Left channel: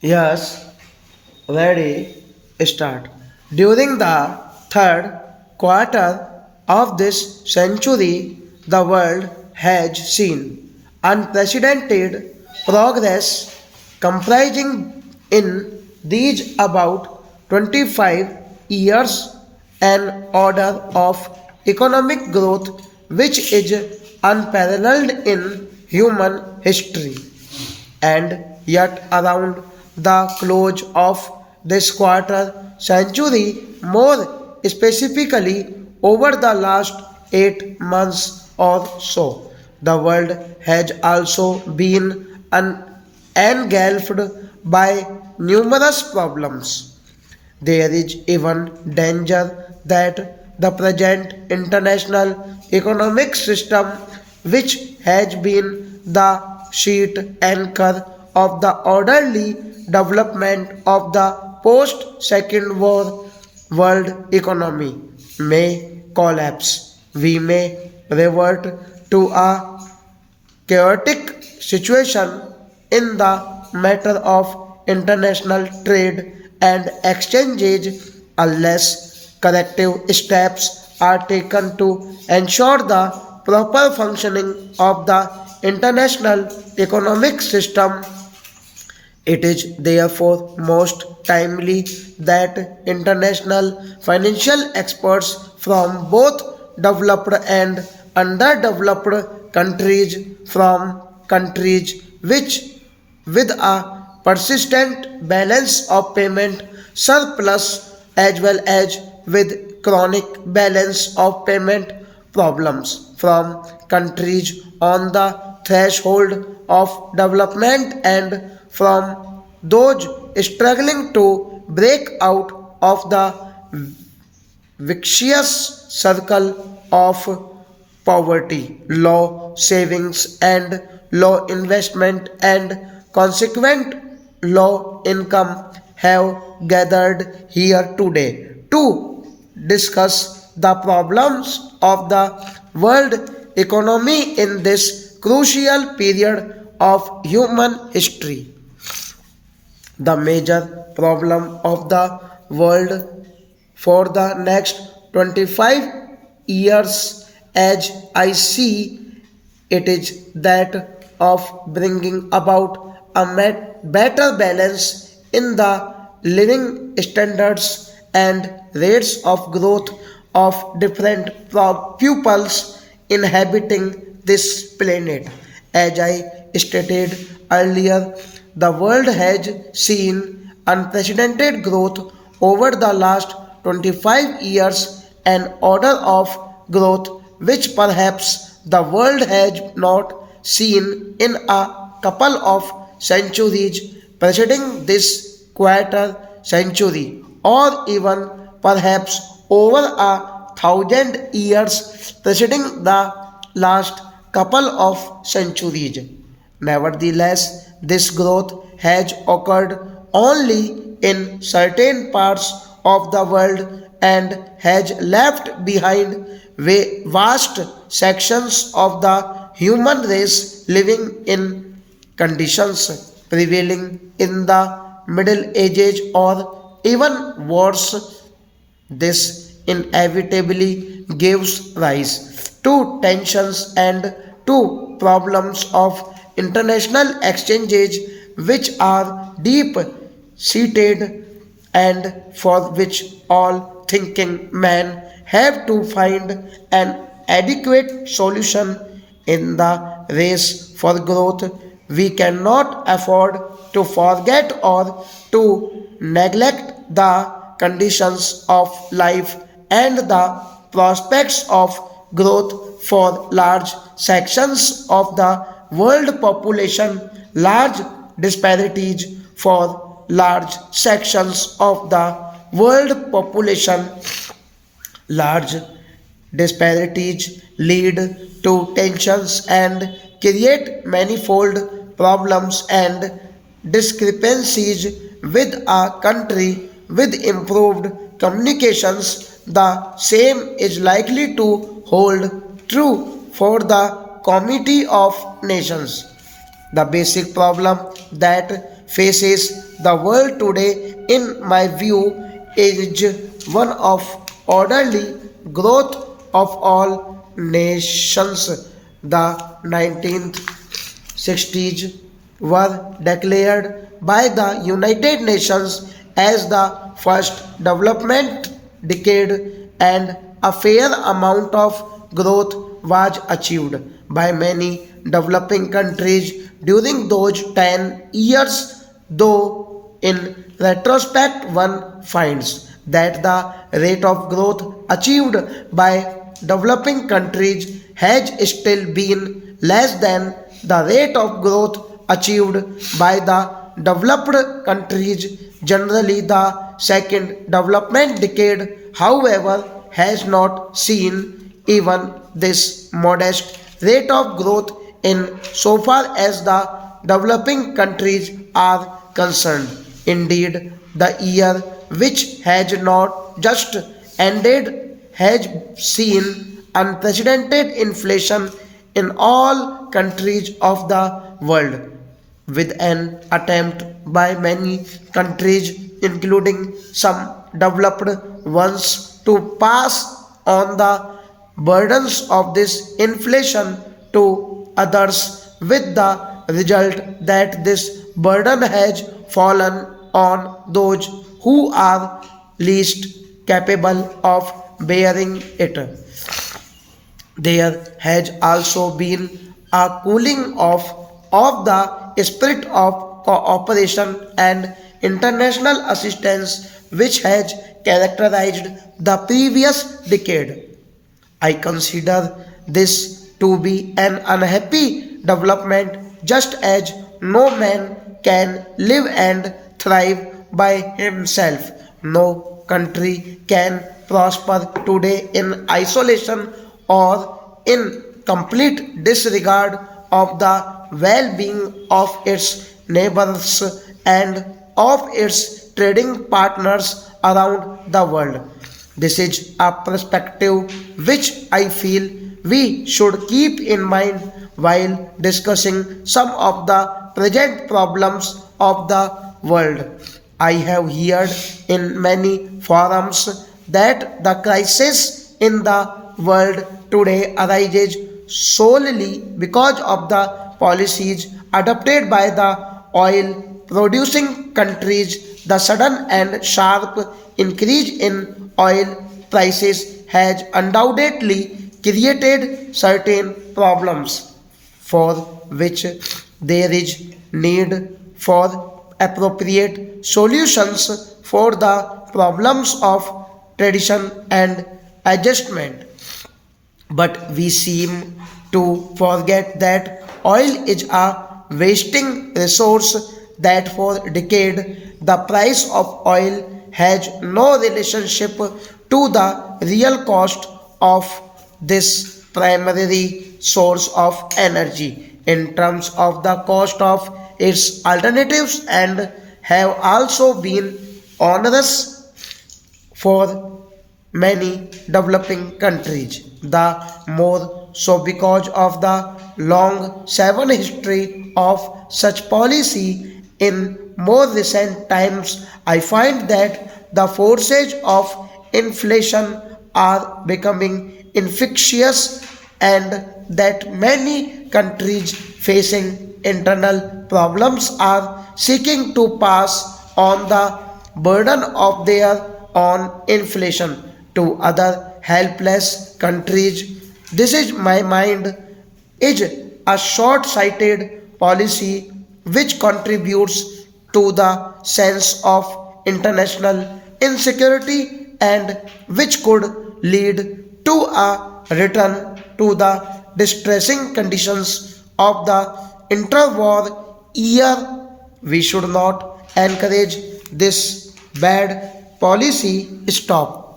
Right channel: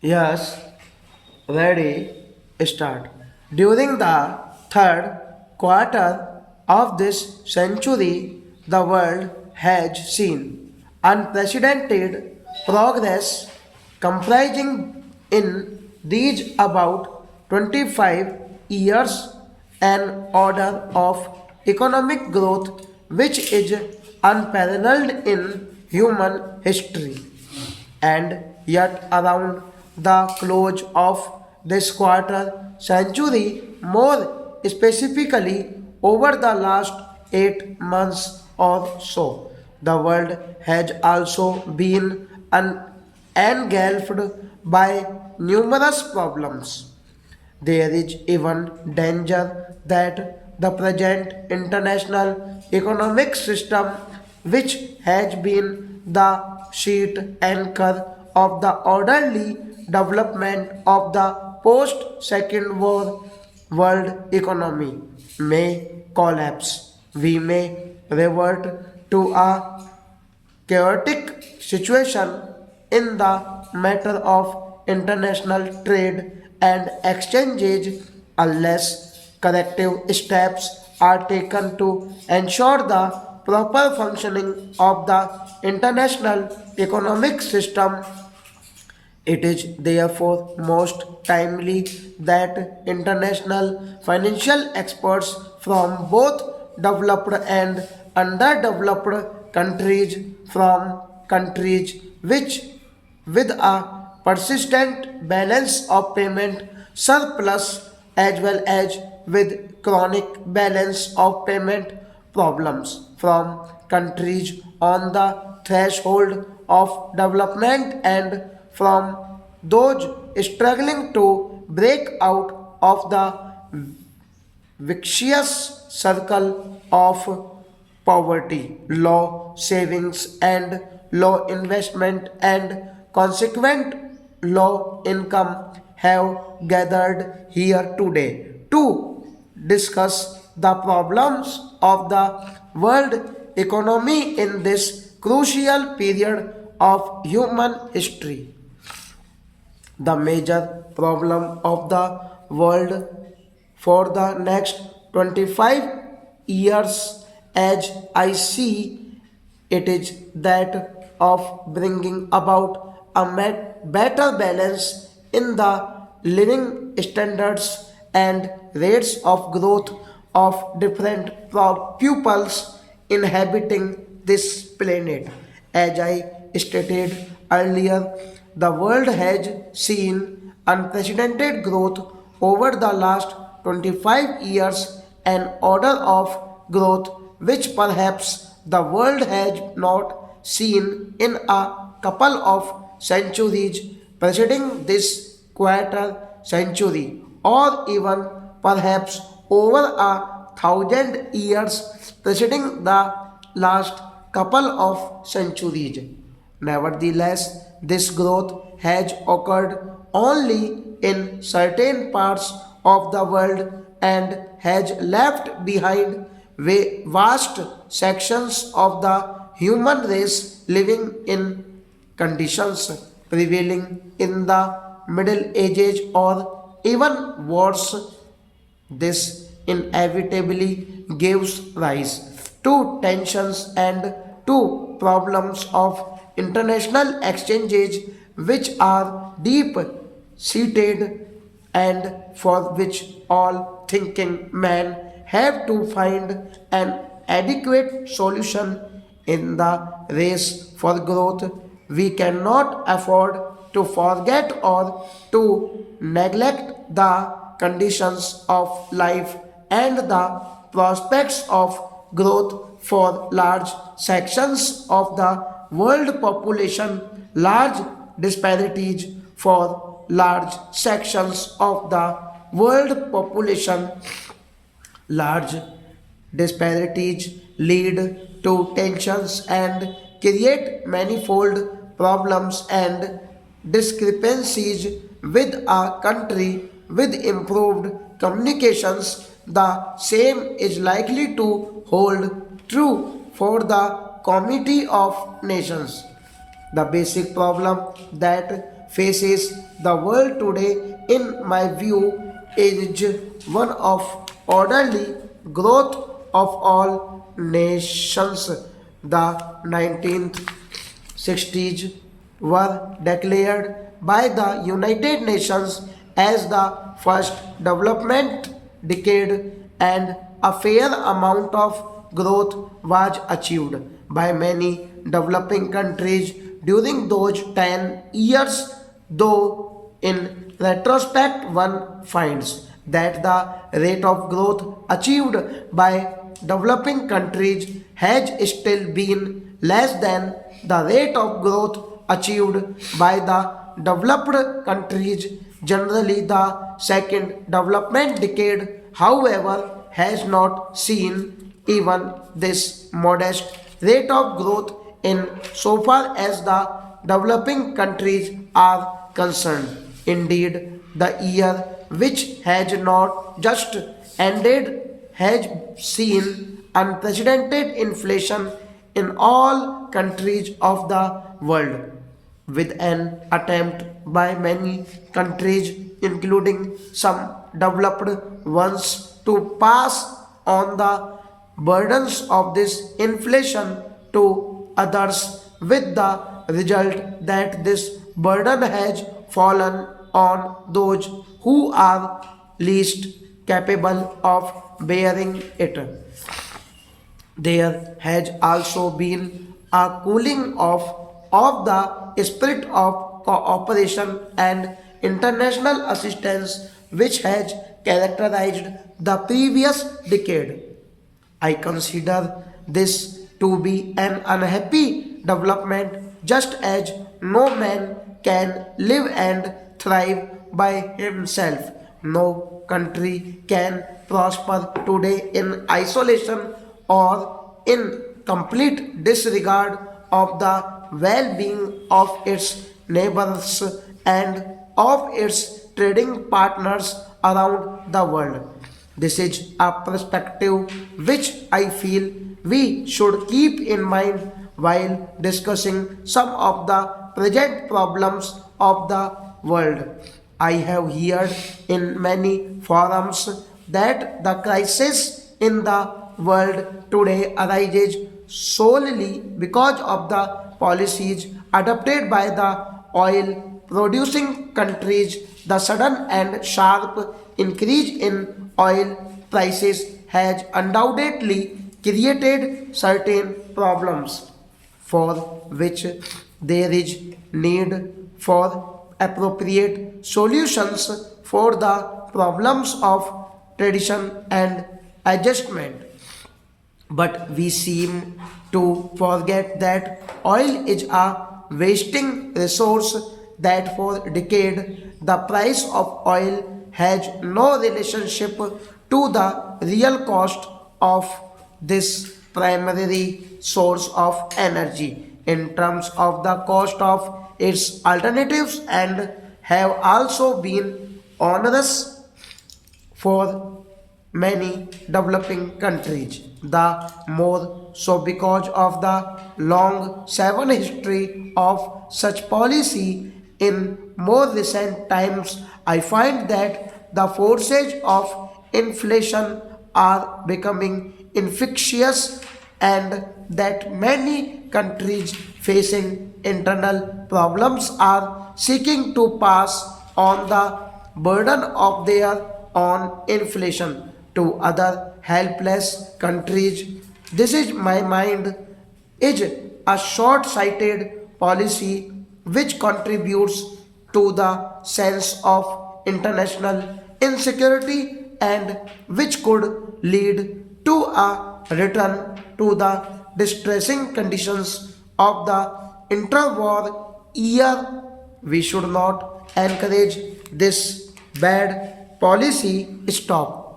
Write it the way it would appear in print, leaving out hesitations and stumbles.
Yes, ready, start. During the third quarter of this century, the world has seen unprecedented progress comprising in these about 25 years an order of economic growth which is unparalleled in human history. And yet, around the close of this quarter century, more specifically over the last 8 months or so, the world has also been engulfed by numerous problems. There is even danger that the present international economic system, which has been the sheet anchor of the orderly development of the post Second War world economy, may collapse. We may revert to a chaotic situation in the matter of international trade and exchanges unless corrective steps are taken to ensure the proper functioning of the international economic system. It is therefore most timely that international financial experts from both developed and underdeveloped countries, from countries which with a persistent balance of payment surplus as well as with chronic balance of payment problems, from countries on the threshold of development and from those struggling to break out of the vicious circle of poverty, low savings and low investment and consequent low income have gathered here today to discuss the problems of the world economy in this crucial period of human history. The major problem of the world for the next 25 years, as I see it, is that of bringing about a better balance in the living standards and rates of growth of different pupils inhabiting this planet. As I stated earlier, the world has seen unprecedented growth over the last 25 years, an order of growth which perhaps the world has not seen in a couple of centuries preceding this quarter century, or even perhaps over a thousand years preceding the last couple of centuries. Nevertheless, this growth has occurred only in certain parts of the world and has left behind vast sections of the human race living in conditions prevailing in the Middle Ages or even worse. This inevitably gives rise to tensions and to problems of international exchanges which are deep seated and for which all thinking men have to find an adequate solution in the race for growth. We cannot afford to forget or to neglect the conditions of life and the prospects of growth for large sections of the world population, large disparities for large sections of the world population, large disparities lead to tensions and create manifold problems and discrepancies with a country with improved communications. The same is likely to hold true for the Committee of Nations. The basic problem that faces the world today, in my view, is one of orderly growth of all nations. The 1960s were declared by the United Nations as the first development decade, and a fair amount of growth was achieved by many developing countries during those 10 years, though in retrospect one finds that the rate of growth achieved by developing countries has still been less than the rate of growth achieved by the developed countries. Generally, the second development decade, however, has not seen even this modest rate of growth in so far as the developing countries are concerned. Indeed, the year which has not just ended has seen unprecedented inflation in all countries of the world, with an attempt by many countries, including some developed ones, to pass on the burdens of this inflation to others, with the result that this burden has fallen on those who are least capable of bearing it. There has also been a cooling off of the spirit of cooperation and international assistance which has characterized the previous decade. I consider this to be an unhappy development, just as no man can live and thrive by himself. No country can prosper today in isolation or in complete disregard of the well being of its neighbors and of its trading partners around the world. This is a perspective which I feel we should keep in mind while discussing some of the present problems of the world. I have heard in many forums that the crisis in the world today arises solely because of the policies adopted by the oil producing countries. The sudden and sharp increase in oil prices has undoubtedly created certain problems for which there is need for appropriate solutions for the problems of tradition and adjustment. But we seem to forget that oil is a wasting resource, that for decade the price of oil has no relationship to the real cost of this primary source of energy in terms of the cost of its alternatives, and have also been onerous for many developing countries. The more so because of the long seven history of such policy. In more recent times, I find that the forces of inflation are becoming infectious, and that many countries facing internal problems are seeking to pass on the burden of their own inflation to other helpless countries. This is my mind is a short-sighted policy which contributes to the sense of international insecurity, and which could lead to a return to the distressing conditions of the interwar year. We should not encourage this bad policy. Stop.